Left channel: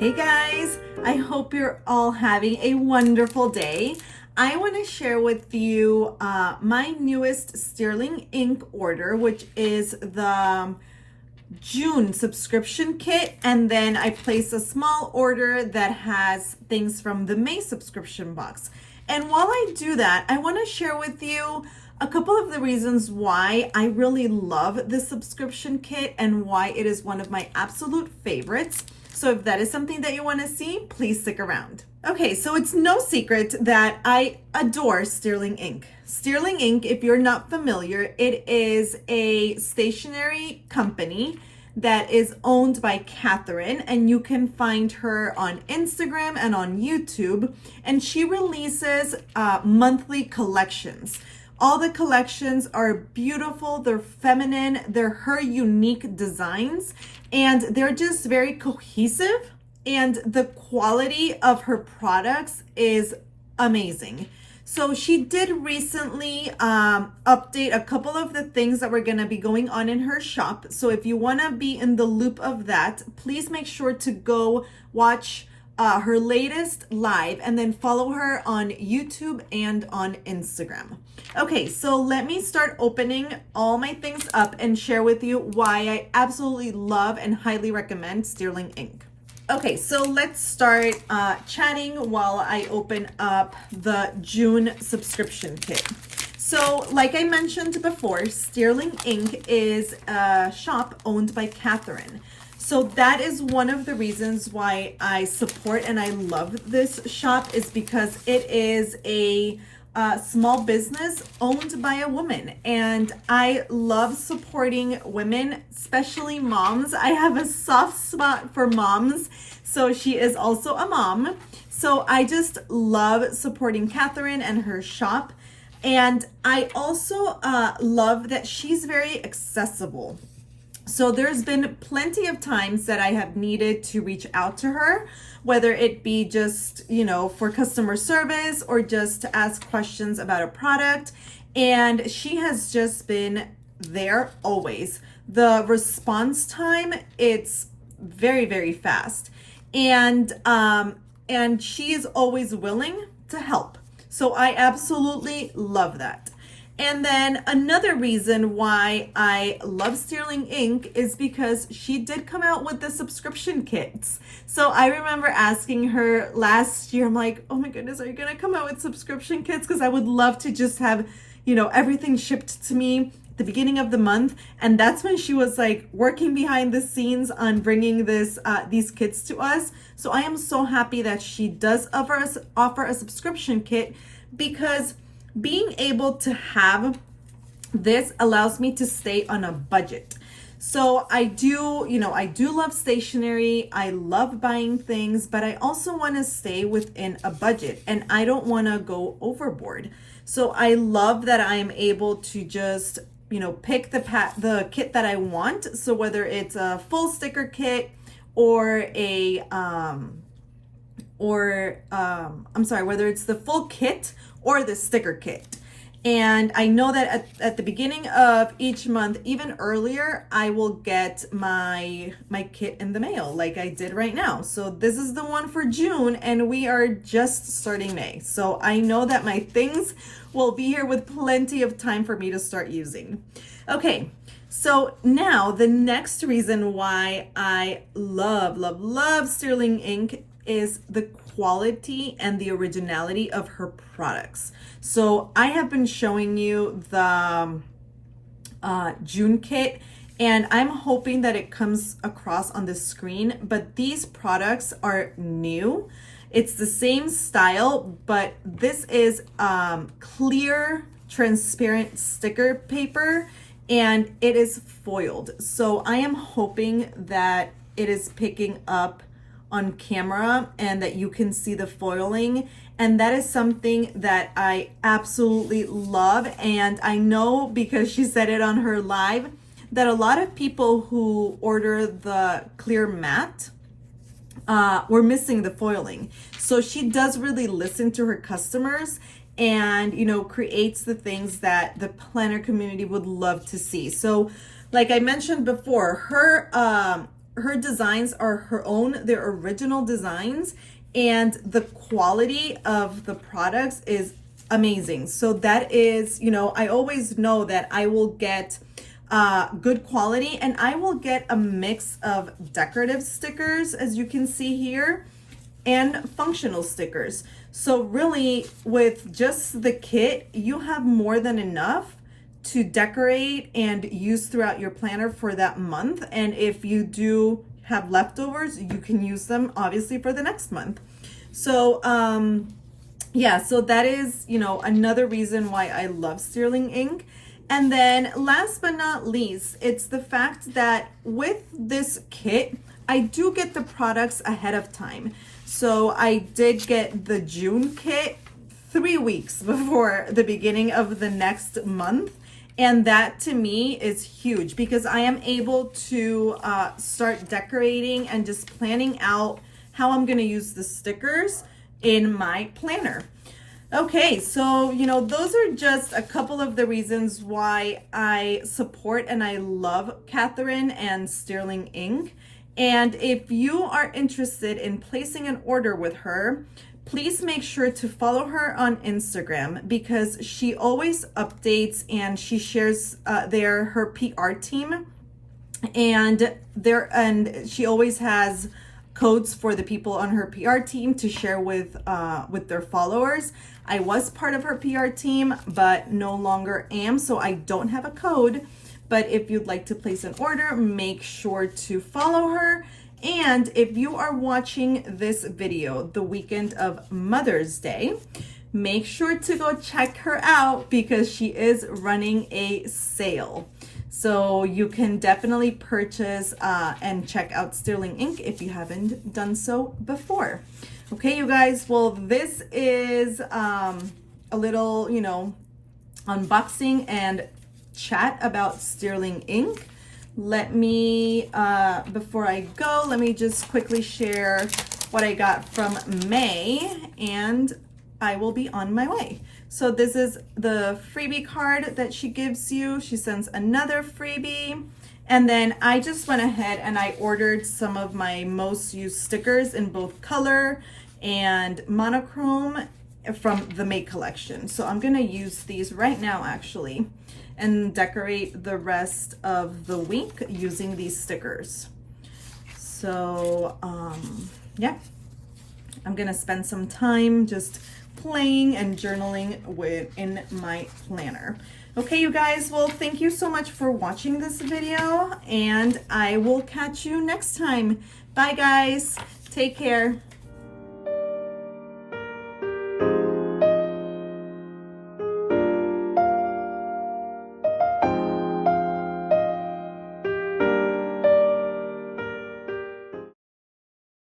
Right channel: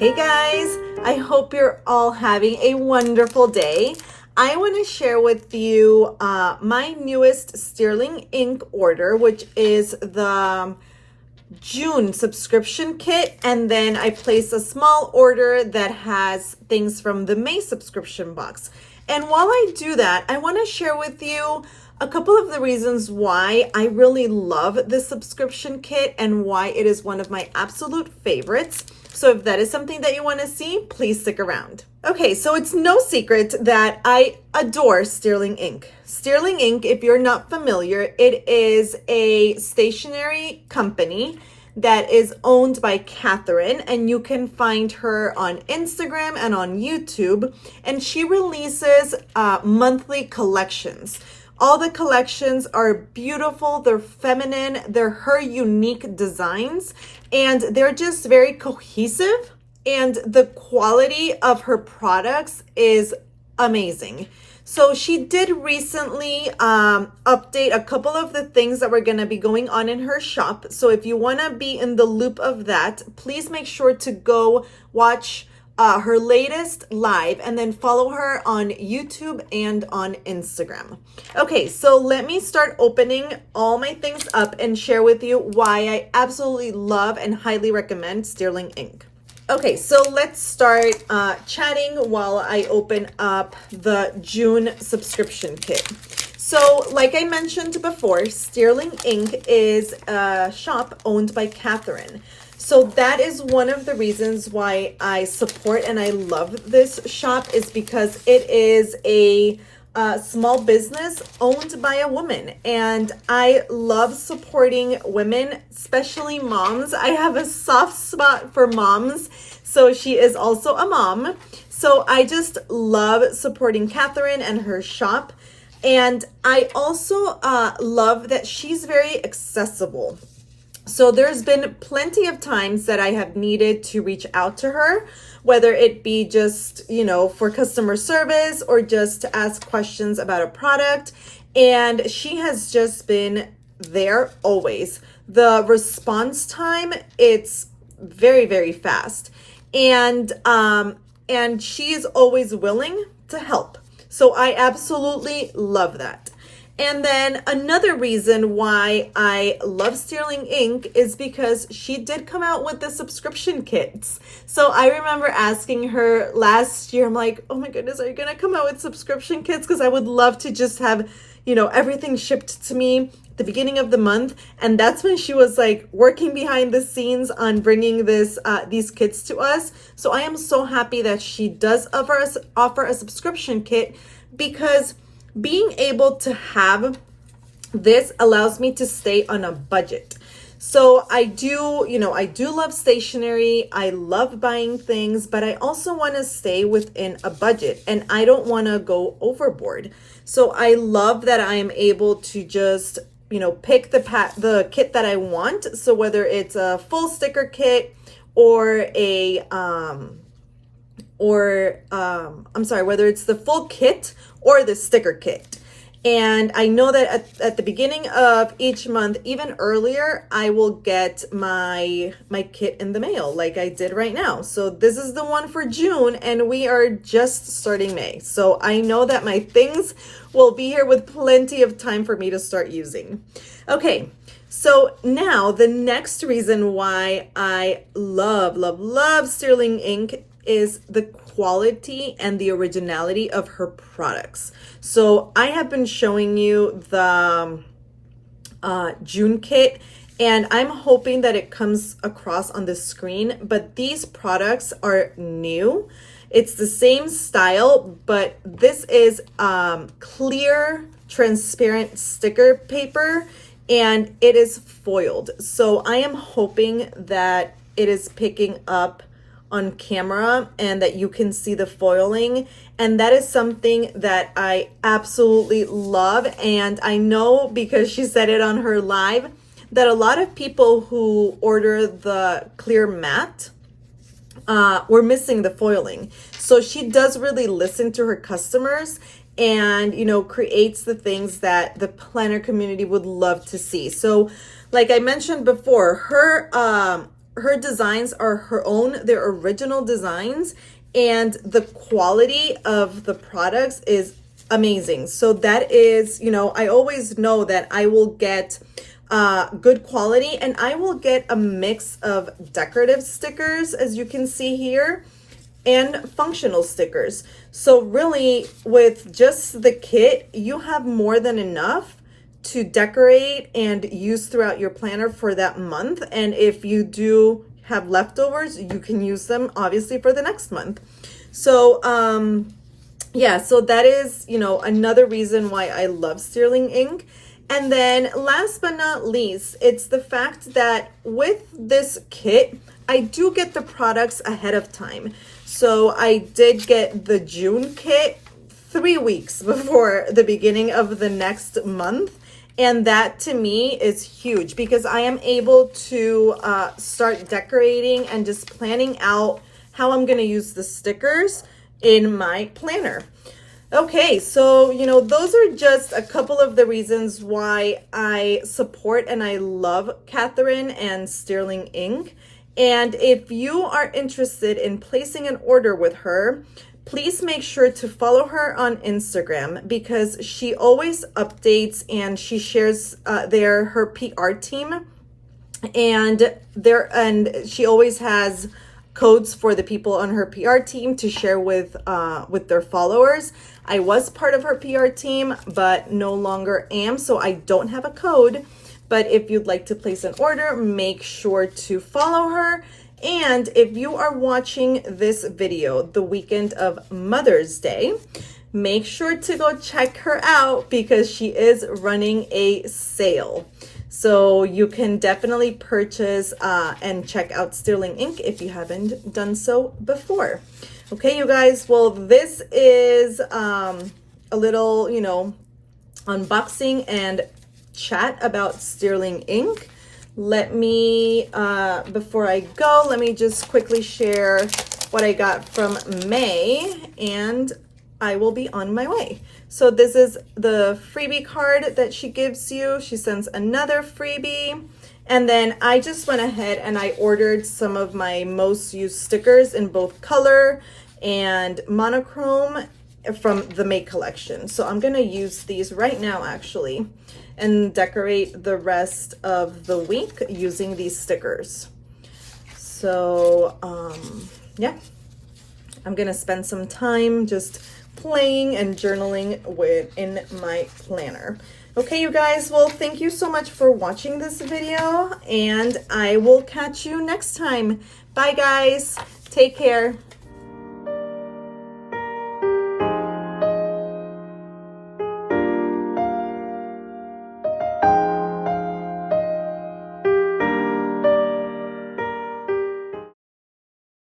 Hey guys, I hope you're all having a wonderful day. I want to share with you my newest Sterling ink order, which is the June subscription kit. And then I placed a small order that has things from the May subscription box. And while I do that, I want to share with you a couple of the reasons why I really love this subscription kit and why it is one of my absolute favorites. So if that is something that you want to see, please stick around. Okay, so it's no secret that I adore Sterling ink. Sterling ink, if you're not familiar, it is a stationery company that is owned by Catherine, and you can find her on Instagram and on YouTube, and she releases monthly collections. All the collections are beautiful, they're feminine, they're her unique designs, and they're just very cohesive, and the quality of her products is amazing. So she did recently update a couple of the things that were going to be going on in her shop. So if you want to be in the loop of that, please make sure to go watch her latest live and then follow her on YouTube and on Instagram. Okay, so let me start opening all my things up and share with you why I absolutely love and highly recommend Sterling ink. Okay, so let's start chatting while I open up the June subscription kit. So like I mentioned before, Sterling ink is a shop owned by Catherine. So that is one of the reasons why I support and I love this shop, is because it is a small business owned by a woman, and I love supporting women, especially moms. I have a soft spot for moms, so she is also a mom. So I just love supporting Catherine and her shop, and I also love that she's very accessible. So there's been plenty of times that I have needed to reach out to her, whether it be just, for customer service or just to ask questions about a product. And she has just been there always. The response time, it's very, very fast. And she is always willing to help. So I absolutely love that. And then another reason why I love Sterling ink is because she did come out with the subscription kits. So I remember asking her last year, I'm like, oh my goodness, are you going to come out with subscription kits? Because I would love to just have, everything shipped to me at the beginning of the month. And that's when she was like working behind the scenes on bringing these kits to us. So I am so happy that she does offer a subscription kit, because being able to have this allows me to stay on a budget. So I do love stationery. I love buying things, but I also want to stay within a budget, and I don't want to go overboard. So I love that I am able to just, pick the kit that I want. So whether it's a full sticker kit or whether it's the full kit or the sticker kit. And I know that at the beginning of each month, even earlier, I will get my kit in the mail like I did right now. So this is the one for June, and we are just starting May. So I know that my things will be here with plenty of time for me to start using. Okay, so now the next reason why I love Sterling ink is the quality and the originality of her products. So I have been showing you the June kit, and I'm hoping that it comes across on the screen, but these products are new. It's the same style, but this is clear, transparent sticker paper, and it is foiled. So I am hoping that it is picking up on camera and that you can see the foiling. And that is something that I absolutely love. And I know, because she said it on her live, that a lot of people who order the clear matte were missing the foiling. So she does really listen to her customers and, creates the things that the planner community would love to see. So like I mentioned before, her her designs are her own, they're original designs, and the quality of the products is amazing. So that is, you know, I always know that I will get good quality, and I will get a mix of decorative stickers, as you can see here, and functional stickers. So really, with just the kit, you have more than enough to decorate and use throughout your planner for that month. And if you do have leftovers, you can use them obviously for the next month. So yeah, so that is, you know, another reason why I love Sterling ink. And then last but not least, it's the fact that with this kit, I do get the products ahead of time. So I did get the June kit 3 weeks before the beginning of the next month. And that to me is huge because I am able to start decorating and just planning out how I'm gonna use the stickers in my planner. Okay, so, you know, those are just a couple of the reasons why I support and I love Catherine and Sterling ink. And if you are interested in placing an order with her, please make sure to follow her on Instagram because she always updates and she shares her PR team, and she always has codes for the people on her PR team to share with their followers. I was part of her PR team, but no longer am, so I don't have a code. But if you'd like to place an order, make sure to follow her. And if you are watching this video the weekend of Mother's Day, make sure to go check her out because she is running a sale. So you can definitely purchase and check out Sterling ink if you haven't done so before. Okay, you guys, well, this is a little, you know, unboxing and chat about Sterling ink. Let me, before I go, let me just quickly share what I got from May, and I will be on my way. So this is the freebie card that she gives you. She sends another freebie. And then I just went ahead and I ordered some of my most used stickers in both color and monochrome from the May collection. So I'm gonna use these right now actually and decorate the rest of the week using these stickers. So yeah, I'm gonna spend some time just playing and journaling in my planner. Okay, you guys, well, thank you so much for watching this video, and I will catch you next time. Bye, guys. Take care.